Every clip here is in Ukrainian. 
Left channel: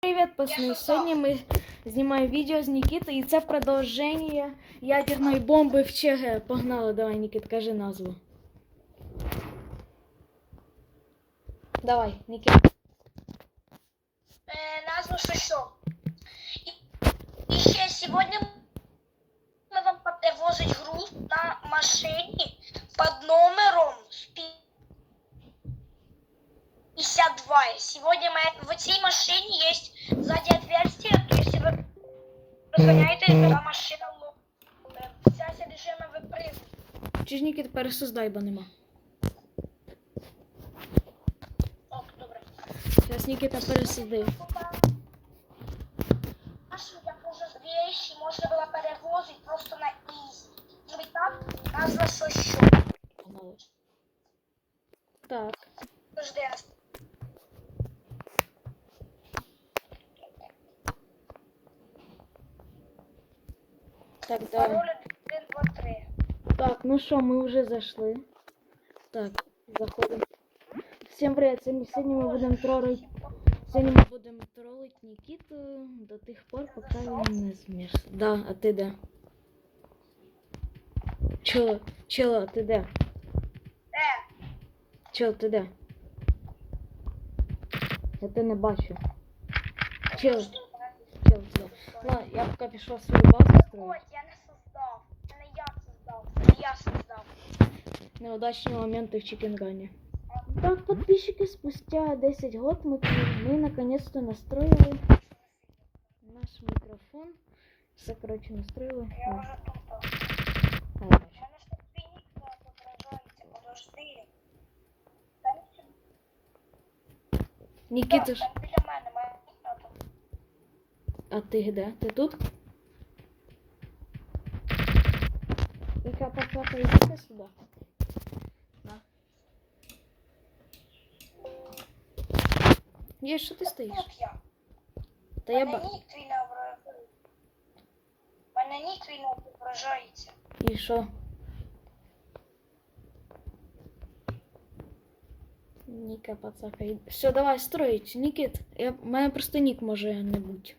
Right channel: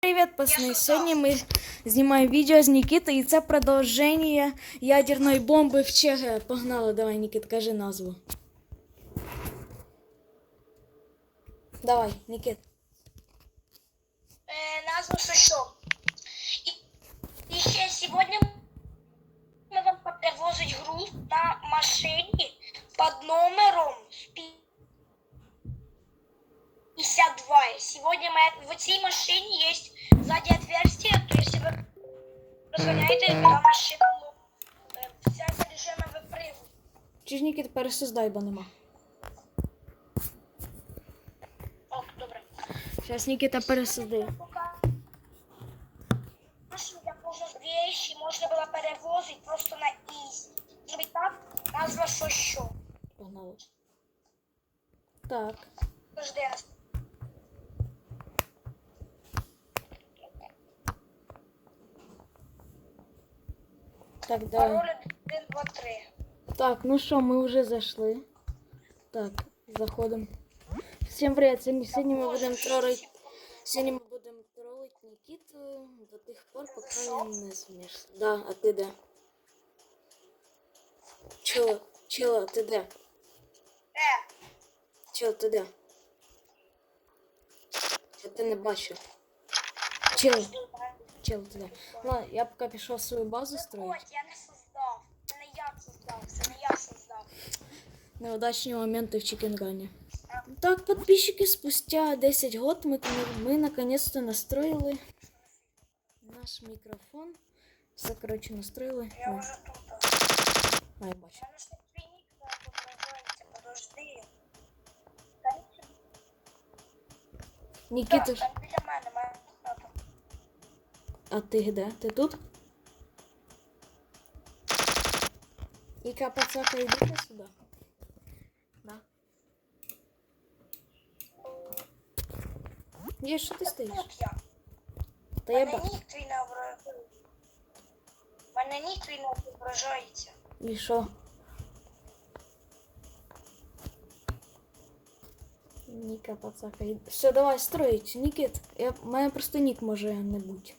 Привет, пацаны! Сьогодні ми знімаємо відео з Нікітою, і це продовження ядерної бомби в ЧГ. Погнали, давай, Нікіт, кажи назву. Давай, Нікіт. Э, назву що? І, і ще сьогодні ми вам привозить груз на машині під номером 52. Сегодня мы, в цій машині є сзади отверстие, то если ви розганяєте на машину, вся содержимое випригує. Чи ж пересоздай, бо нема. О, добре. Зараз Нікіта пересадив. Наші як можна вещи можна було перевозити просто на ізі. Щоб так назва що що. Погнали. Так. Подожди, раз. Так, давай. Пароль 1, 2, 3. Так, ну що, ми вже зайшли. Так, заходимо. Всім привіт! Сьогодні, ми будемо тролити. Сьогодні ми будемо тролити Нікіту до тих пор, поки він не зміж. Да, а ти де? Чо, чо, а ти де? Е, Чо, ти де? Я тебе не бачу. Чел, чел, ти де? Ладно, я поки пішов свою базу строїти. Ось, я не создав. Це не я создав. Це не я создав. Неудачні моменти в чикенгані. Так, подписчики, спустя 10 год мы, мы наконец-то настроили наш микрофон. Все, короче, настроили. Я О, вже тут. а, я У бачу. мене а ти де? Ти тут? Іка пацака, йдите сюди. На. Є, що ти стоїш? Я. Та я Мене ба... нік твій не ображається. Мене нік твій не відображається. І що? Ніка пацака. Все, давай строїть. Нікіт. Я... У мене просто нік може не бути.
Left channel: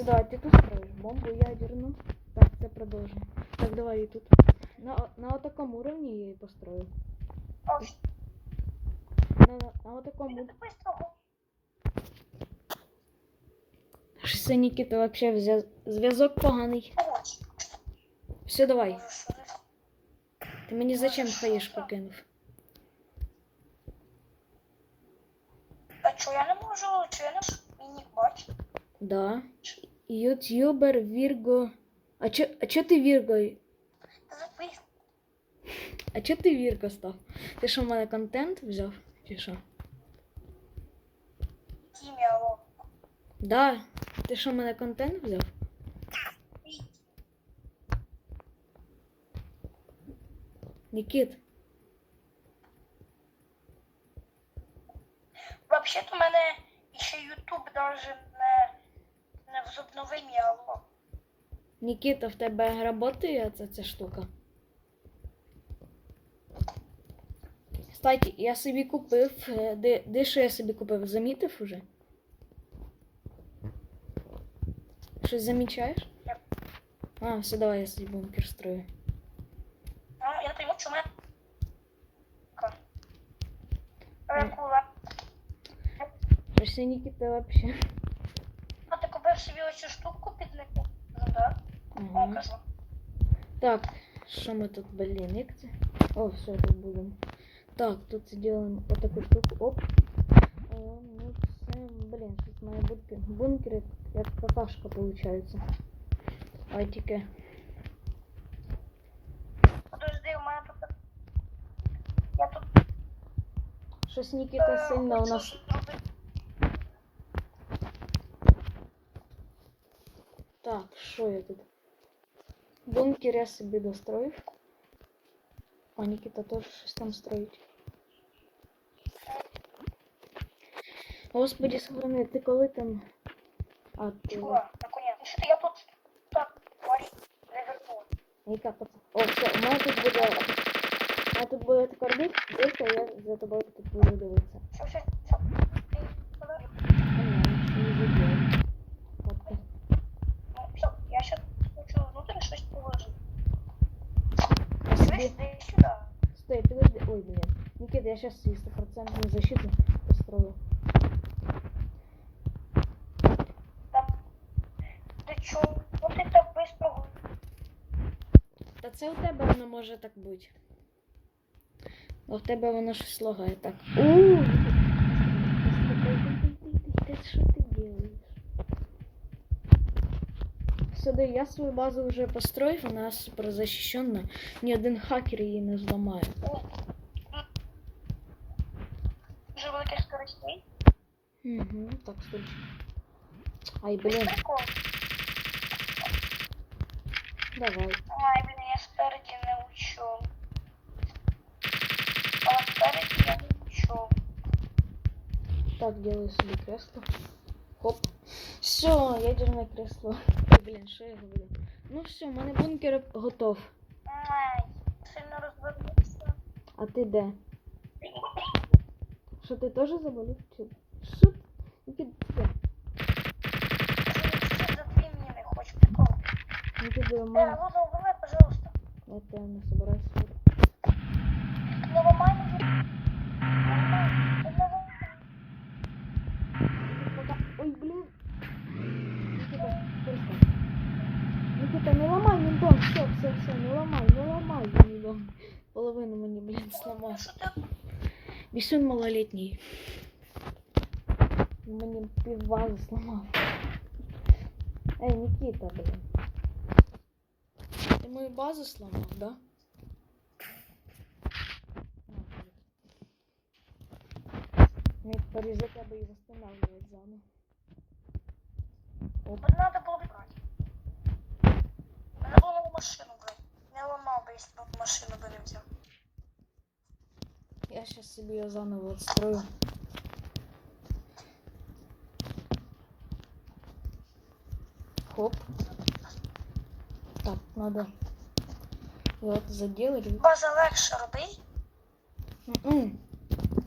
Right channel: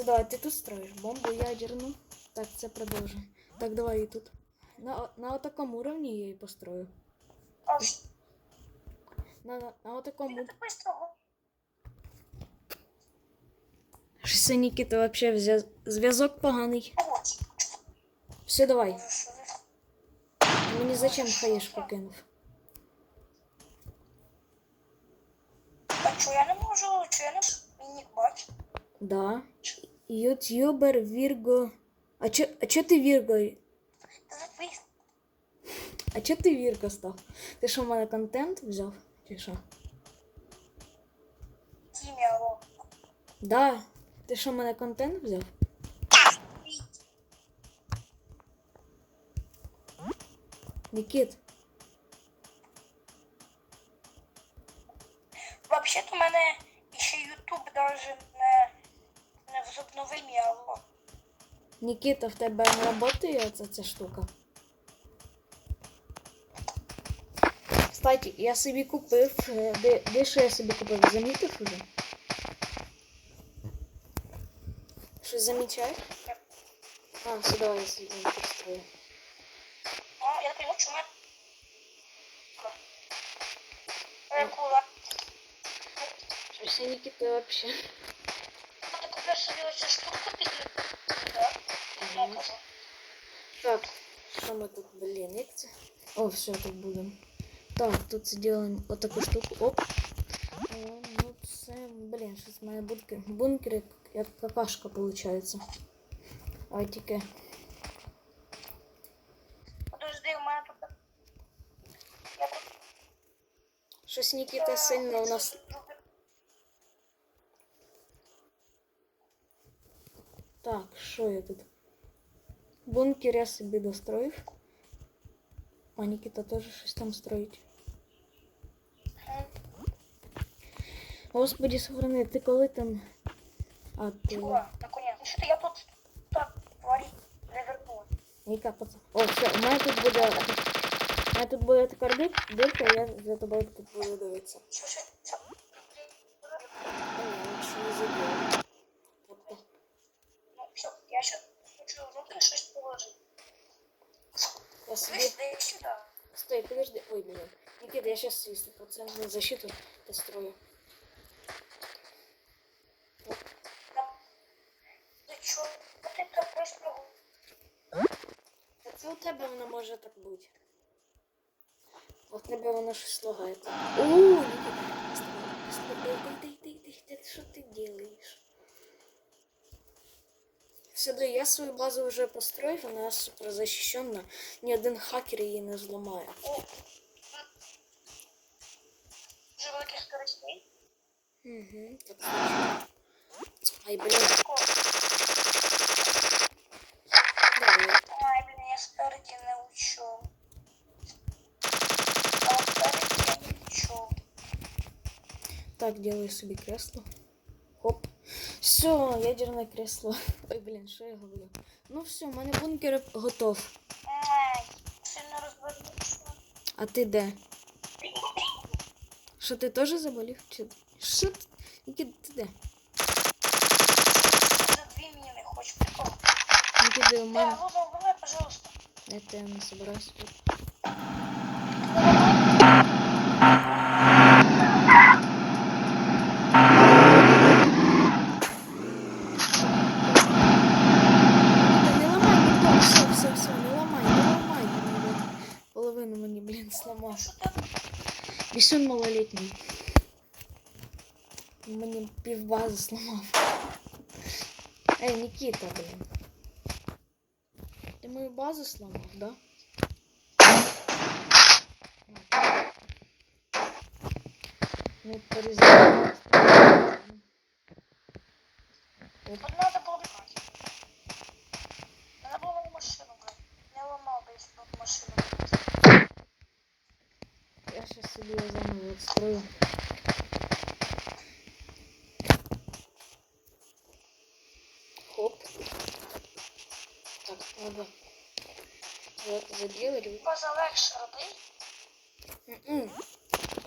Все, давай, ти тут строїш бомбу ядерну. Так, це продовжує. Так, давай і тут. На, на отакому уровні я її построю. На, на, на отакому. ти так быстро Щось це Нікіта вообще взя... зв'язок поганий. Все, давай. Що Ти мені зачем хаєшку кинув? Та що я не можу, що я не мій нік. Да. Ютубер Вірго. А чо, а чо ти Вірго? А чо ти Вірго став? Ти що в мене контент взяв? Чи що? Да. Ти що в контент взяв? Нікіт. Вообще-то у мене ще YouTube даже не возобновив мій. Нікіта, в тебе оця ця штука? Кстати, я собі купив. е, Де, де що я собі купив? Замітив уже? Щось замічаєш? А, все, давай я собі бункер строю. Ну, я пойму, чому я... Ой, кула. Щось я Нікіта вообще. А ти купив собі оцю штуку під YouTube? Да? Я Ага. кажу. Так, що ми тут, блін, як це? О, все, тут будемо. Так, тут зробимо отаку штуку. Оп. О, ну це, блін, щось в мене бункер, бункер як, як какашка виходить. Ой, тільки. Подожди, у мене тут... Я тут... Щось Нікіта е, сильно у хочу нас. що я тут? Бункер я собі достроїв. А Нікіта теж щось там строїть. Господи, сохрани, ти коли там. А ти. Чого? Наконец. Ну, що-то я тут... Так, говорить, ревернула. Ніка, пацан. О, все, у мене тут буде. У мене тут буде така дир- дирка, я за тобою тут буду дивитися. Що, що, що? А, ні, нічого не заділ. Ой, блин. Никита, я сейчас свою стопроцентную защиту построю. Ну ти Та це у тебе воно може так бути. А в тебе воно щось лагає так. У, Никита, стой, стой, дай, дай, дай, дай, дай, дай, що ти делаешь? Сюди, я свою базу вже построїв, вона супер защищена. Ні один хакер її не зламає. О, Угу, так точно. Ай, Прикол. давай. Ай, блін, я спереді не учу. А спереді я не учу. Так, делаю себе кресло. Хоп. Все, ядерное кресло. Ой, блін, що я говорю? Ну все, у мене бункер готов. Ай, сильно розвернувся. А ти де? Що ти теж заболів? Чи... Що ти? Нікіт, ти де? За дві міни хочу прикол. Нікіт, у Э, мене... Луза, убивай, пожалуйста. Я тебе не собираюсь. Давай. Нікіта, Мені півбази сломав. Ей, Нікіта, блін. Ти мою базу сломав, да? Не порізав. Оп. От надо було брати. Надо було на машину брати. Не ламав би, якщо б машину брати. Я сейчас себе ее заново отстрою. Надо вот заделать. База легше роби. М-м.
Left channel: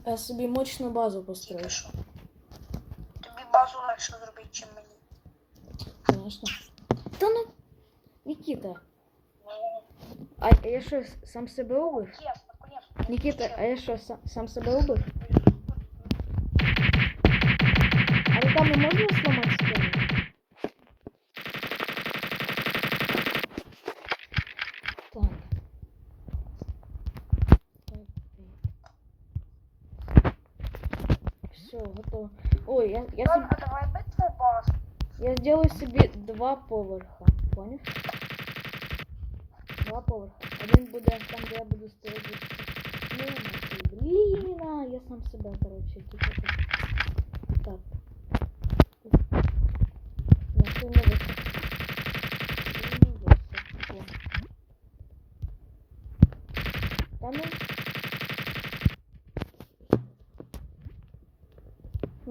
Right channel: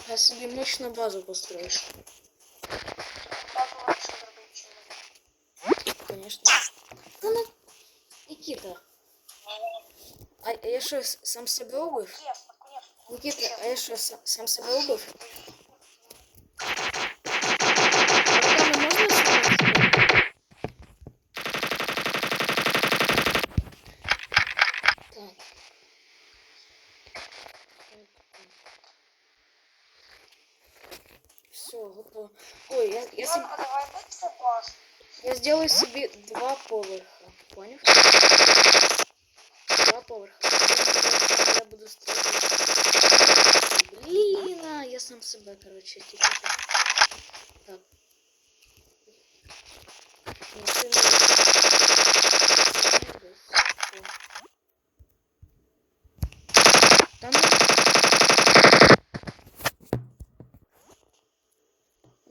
Я себе мощную базу построю, Тобі базу легше зробити, чим мені. конечно. Да ну, Никита, а я что, с- сам себе убив? Ясно, конечно. Никита, а я что, сам, сам себе убив? Готово. Ой, я, я, себе, я сделаю себе два поверха. Понял? Два поверха. Один буде там, де я буду стоять. Блін, а, я сам себе, короче, що. Так.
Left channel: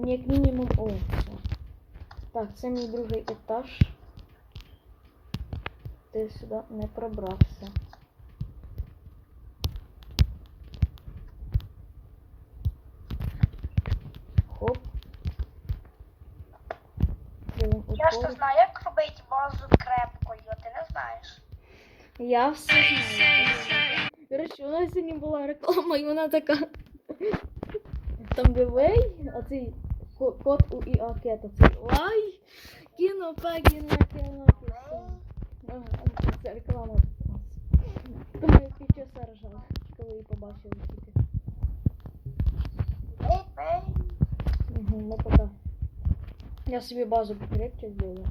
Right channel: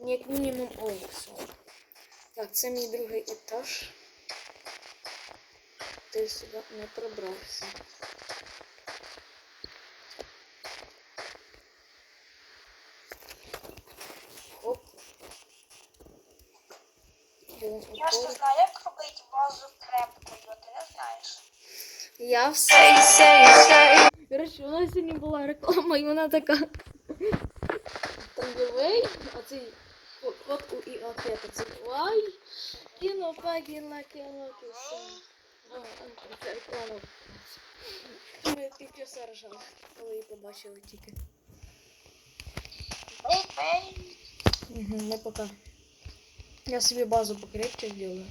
Як мінімум, о, все. Так, це мій другий етаж. Ти сюди не пробрався. Хоп. Я ж не знаю, як робити базу крепкою, ти не знаєш. Я все. Коротше, у нас сьогодні була реклама, і вона така. Там гивей, а цей ко- код у ІА5, цей лай, кіно, пагіна, кіно, кіно. А, а, Це реклама. Думаю, півчаса ржав, коли її побачили тільки. Ей, ей. Угу, ну пока. Я собі базу покрепче зроблю.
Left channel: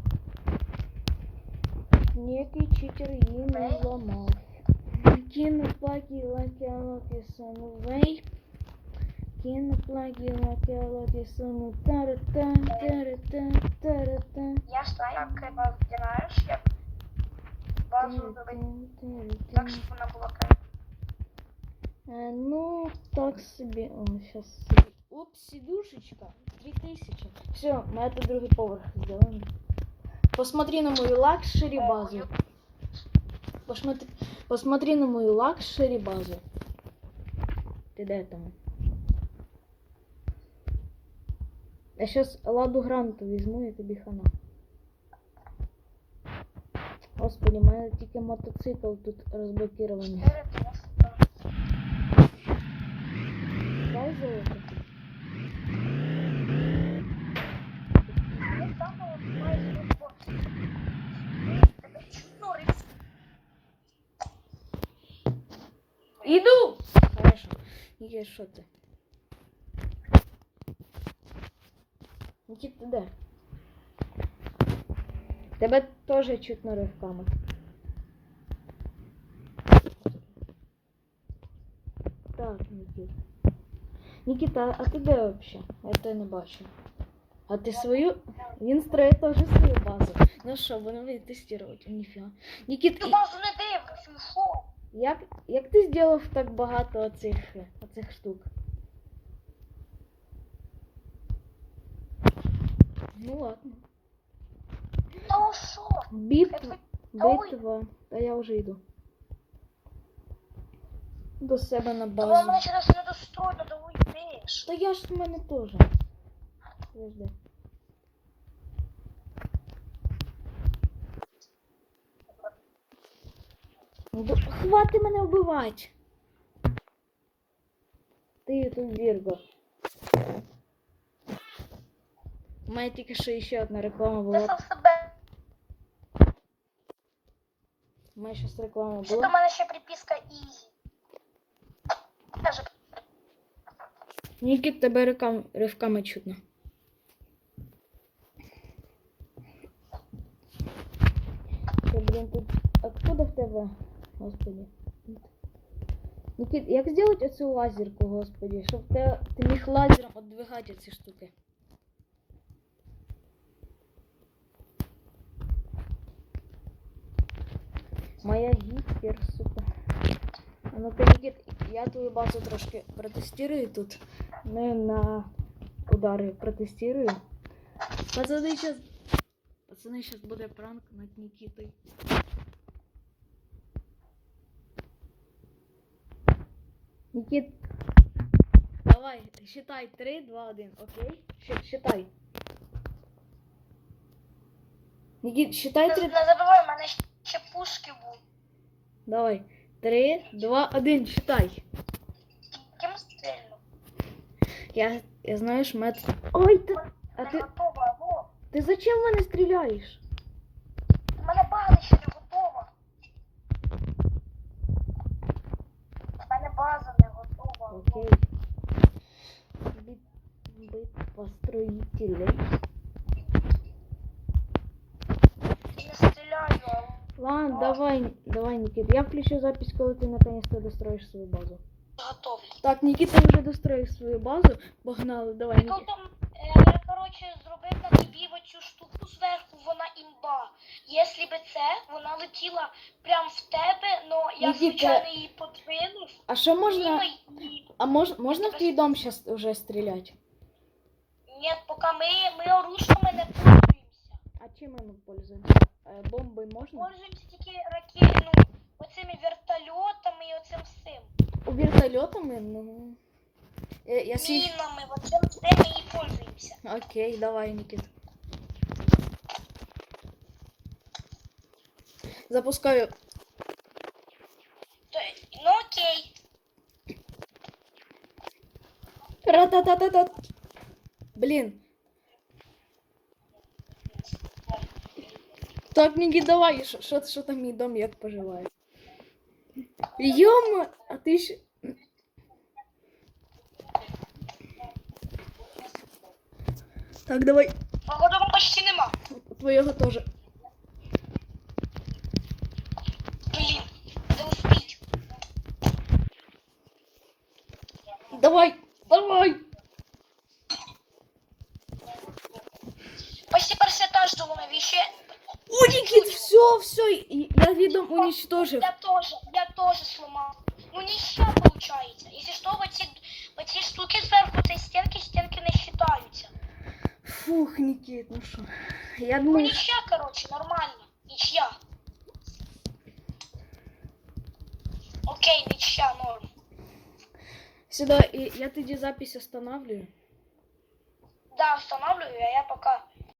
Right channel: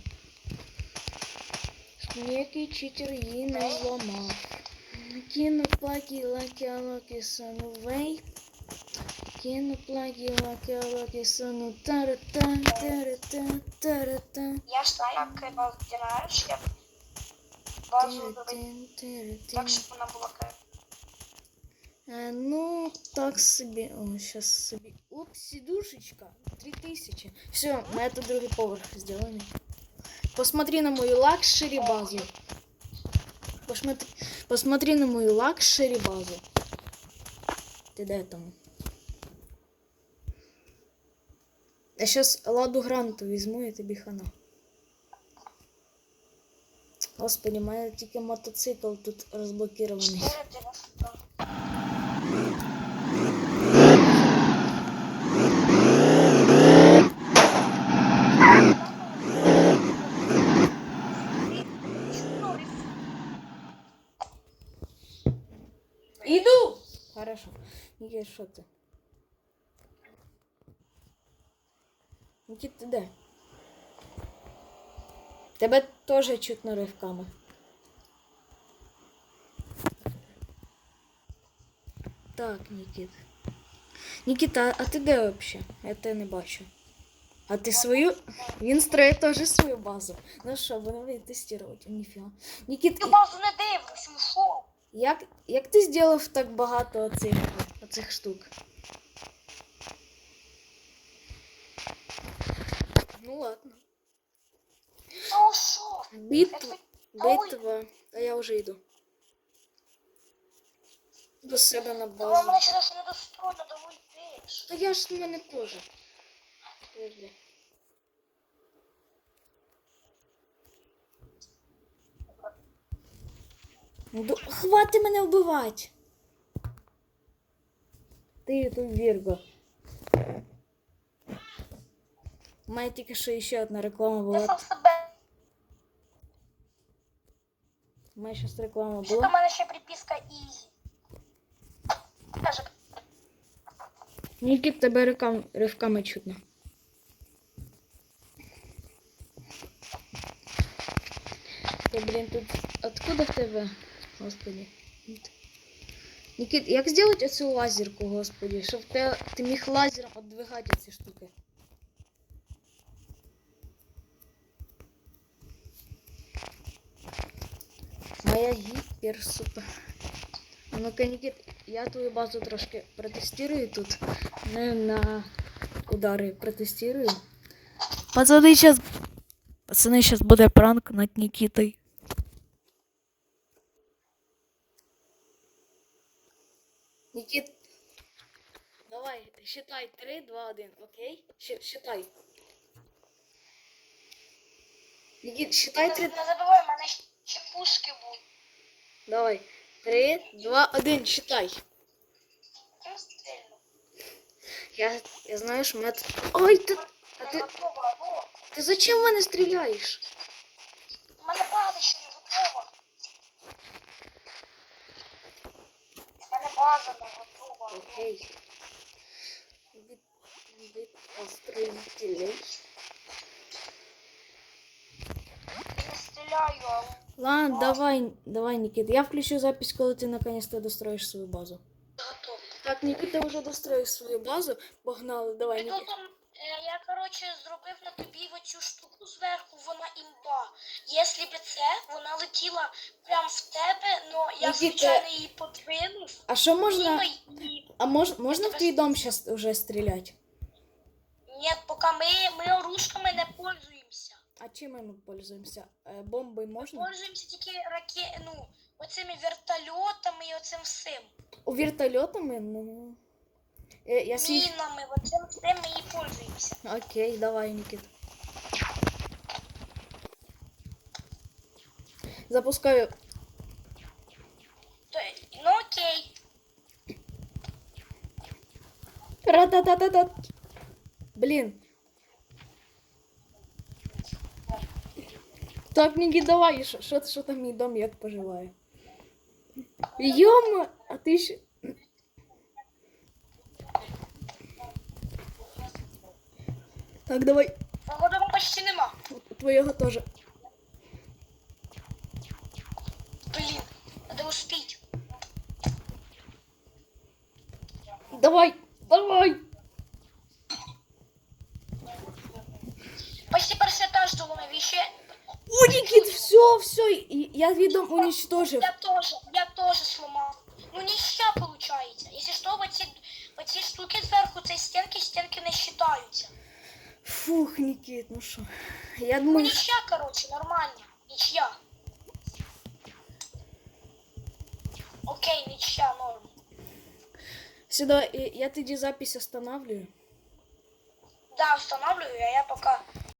Ніякий читер її не зламав. Кину плаги лаки алоки сону Вей. Кину плаги лаки алоки сону тарата тарата тарата. Я ж знаю, як базу знаєш, як базу зробити так, щоб вона була крепка. Е, ну, так собі. О, сейчас собі. Оп, сидушечка. 3000. Все, на это другий поверх сделаем. Посмотри на мою лакшери базу. Посмотри, посмотри на мою лакшери базу. Ты де там? Я щас ладу гранту візьму і тобі хана. Господи, у мене тільки мотоцикл тут розблокірований. 4,90. Іду! Хорошо. Нікіт, що ти? Нікіт, ти де? Тебе теж чутно ривками. Так, Нікіт. Нікіта, а ти де взагалі? Я тебе не бачу. А ти свою? Він строїть теж свою базу. Ну що, будемо тестувати. Ніфіга. Нікіт, Ти базу не дивишся, ну що? як, як ти зробив так багато оцих, оцих штук? Ну ладно. Ну? Битва. Битва. А я вже йду. До себе на базу. Тому базу. мене через недостойно доводиш. Та я ж в мене теж. Подожди. Ну, Хвати мене вбивати. Ти тут Вірго. У мене тільки що ще одна реклама була. сам себе. У мене щось реклама Що у мене ще приписка. Каже, Нікіт тебе рукам, ривками чутно. Ти, блін, тут откуда в тебе? Господи. Нікіт, як зробити оцю лазерку, господи, щоб ти, ти міг лазером віддвигати ці штуки? Моя гіпер супер. Ну-ка, Нікіт, я твою базу трошки протестирую тут. Не на удари протестирую. Пацани, сейчас... Пацани, сейчас буде пранк над Нікітою. Нікіт, давай, считай 3, 2, 1, окей? Считай. Нікіт, считай не 3, забувай, у мене ще пушки будуть. давай. 3, 2, 1, считай. Ким стрільну? Я, я знаю, що мене. Ой, ти... А ти, готова, ти зачем в мене стріляєш? У мене база не готова. У мене база не готова. Окей. Бит, бит. Не стріляю, а Ладно, давай, давай, Никита. Я включу запись, коли ти наконец-то достроїш свою базу. готовий. Так, Никита вже достроїв свою базу. Погнали, давай, Никита. Е, я, коротше, зробив на тобі оцю штуку зверху, вона імба. Якщо б це, вона летіла прямо в тебе, но я, Нікіта, звичайно, її подвинув. А що можна. І... А мож, можна в твій дом зараз уже стріляти? Ні, поки ми, ми оружками не пользуємося. А чим ми пользуємося? Е, Бомби можна? Пользуємося тільки раке... ну, оцими вертольотами і оцим всім. У вертольотами? Ну. Е, Я свій... Мінами, оцим всім ми і пользуємося. Окей, давай, Никита. Запускаю. То, ну окей. Ра-та-та-та-та. Блин. Так, Нікі, давай, що, що, що там мій дом, як поживає? Йома, а ти ще... Так, давай, Погоди почти нема. твоєго теж. Блін, де успіть. Давай, давай. Ось тепер все теж думаю, ще. О, Нікіт, все, все, і- я відом уничтожив. Я тоже, я тоже сломал. Ну ничья получается. Если что, вот эти, вот эти штуки сверху, этой стенки, стенки не считаются. Фух, Нікіт, ну що. Я Ну думаю, ничья, короче, нормально. Ничья. Окей, ничья, норм. сюди, і я тоді запись останавливаю. Да, встановлюю, а я пока